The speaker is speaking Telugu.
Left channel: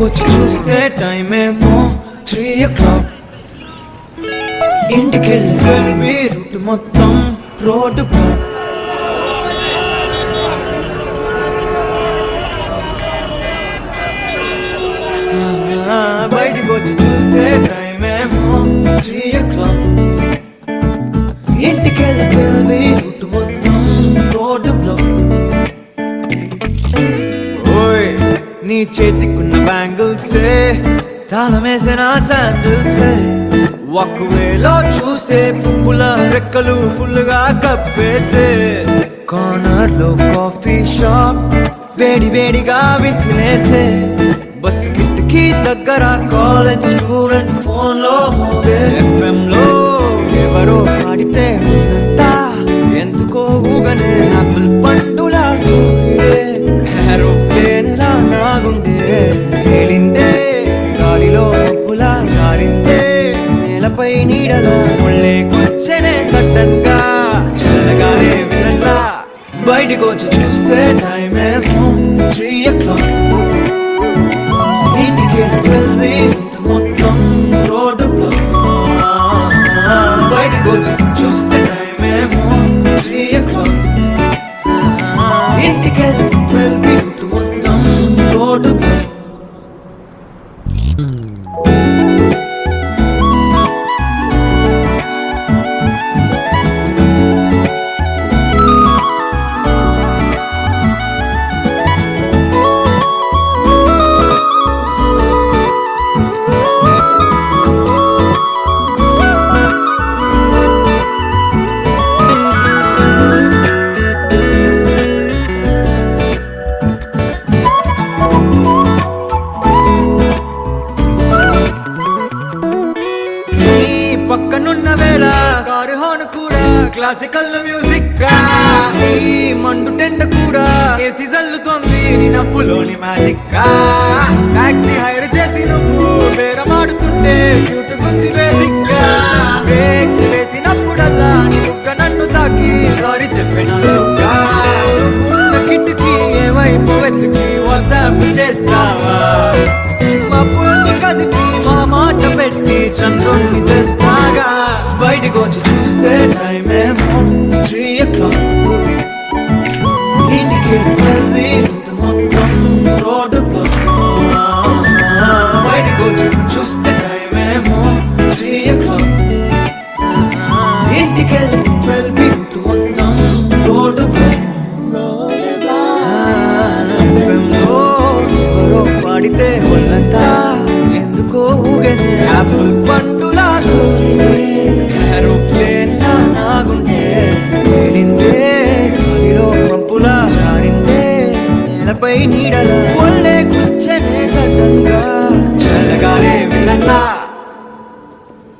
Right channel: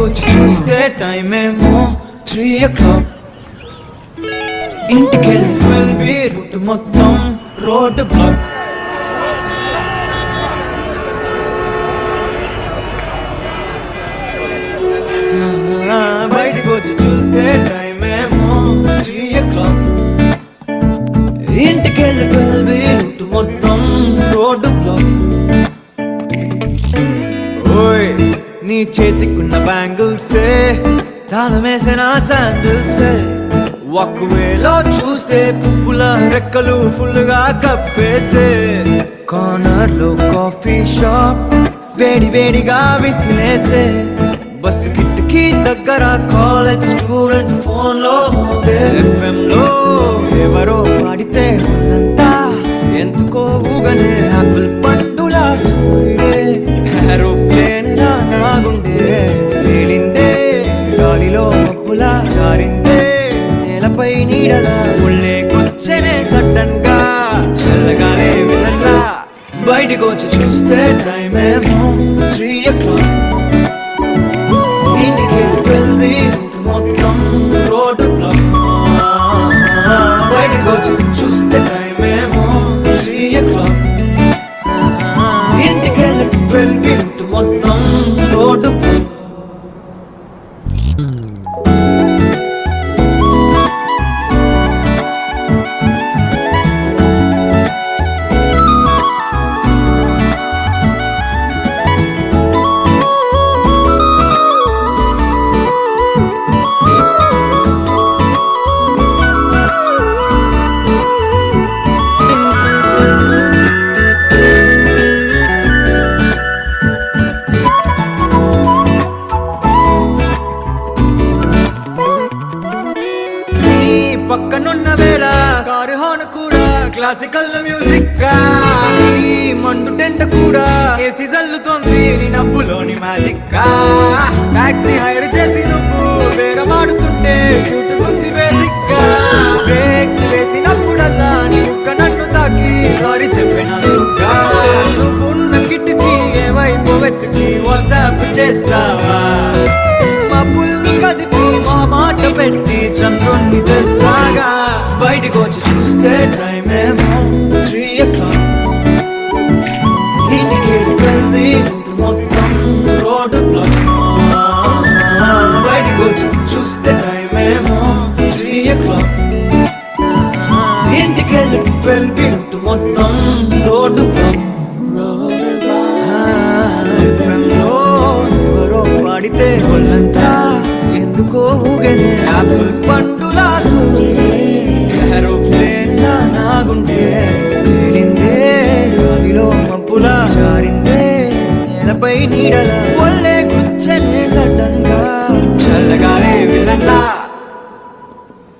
బయటకొచ్చి చూస్తే టైం ఏమో 3 o'clock. ఇంటికెళ్ళి 12 రూట్ మొత్తం రోడ్డు బ్లాక్. బయటకొచ్చి చూస్తే టైం ఏమో 3 o'clock. ఇంటికెళ్ళి 12 రూట్ మొత్తం రోడ్డు బ్లాక్. ఓయ్ నీ చేతికున్న బ్యాంగిల్సే తాళమేసిన శాండిల్సే ఒకవేలో చూస్తే పువ్వుల రెక్కలు ఫుల్గా కప్పేసే. కార్నర్ లో కాఫీ షాప్ వేడి వేడిగా విసిలేసే. బస్ కిటికీ దగ్గర కాలేజ్ స్టూడెంట్ ఫోన్ లో మోగే. FM లో ఎవరో పాడితే ఉన్నంతా ఎందుకో ఊగనే. యాపిల్ పండులా సూర్యుడే ఏరోప్లేన్ లా నాగుండే. తేలిందే గాలిలో మబ్బులా జారిందే నేలపై నీడలా. ఒళ్ళే కూర్చనే సడన్ గా చల్లగానే విలన్లా. బయటకొచ్చి చూస్తే టైం ఏమో 3 o'clock. ఇంటికెళ్ళి 12 రూట్ మొత్తం రోడ్డు బ్లాక్. బయటకొచ్చి చూస్తే టైం ఏమో 3 o'clock. ఇంటికెళ్ళి 12 రూట్ మొత్తం రోడ్డు బ్లాక్. పక్కనున్న వేళ కారు హార్న్ కూడా క్లాసికల్ మ్యూజిక్ గా. ఈ మండు టెండ కూడా కేసి జల్లుతోంది నీ నవ్వులోని మ్యాజిక్ గా. టాక్సీ హైర్ చేసి నువ్వు బేరమాడుతుంటే క్యూట్ గుంది బేసిక్ గా. బ్రేక్స్ వేసినప్పుడల్లా నీ బుగ్గ నన్ను తాకి సారీ చెప్పినట్టుగా. నువ్వున్న కిటికీ ఏ వైపు వెతికి వాట్సాప్ చేస్తావా. మబ్బుల్ని కదిపి మా మాట పెట్టి చంద్రుణ్ణి తెస్తాగా. బయటకొచ్చి చూస్తే టైం ఏమో 3 o'clock. ఇంటికెళ్ళి 12 రూట్ మొత్తం రోడ్డు బ్లాక్. బయటకొచ్చి చూస్తే టైం ఏమో 3 o'clock. ఇంటికెళ్ళి 12 రూట్ మొత్తం రోడ్డు బ్లాక్. FM లో ఎవరో పాడితే ఒళ్ళంతా ఎందుకో ఊగనే. యాపిల్ పండులా సూర్యుడే ఏరోప్లేన్ లా నాగుండే. తేలిందే గాలిలో మబ్బులా జారిందే నేలపై నీడలా.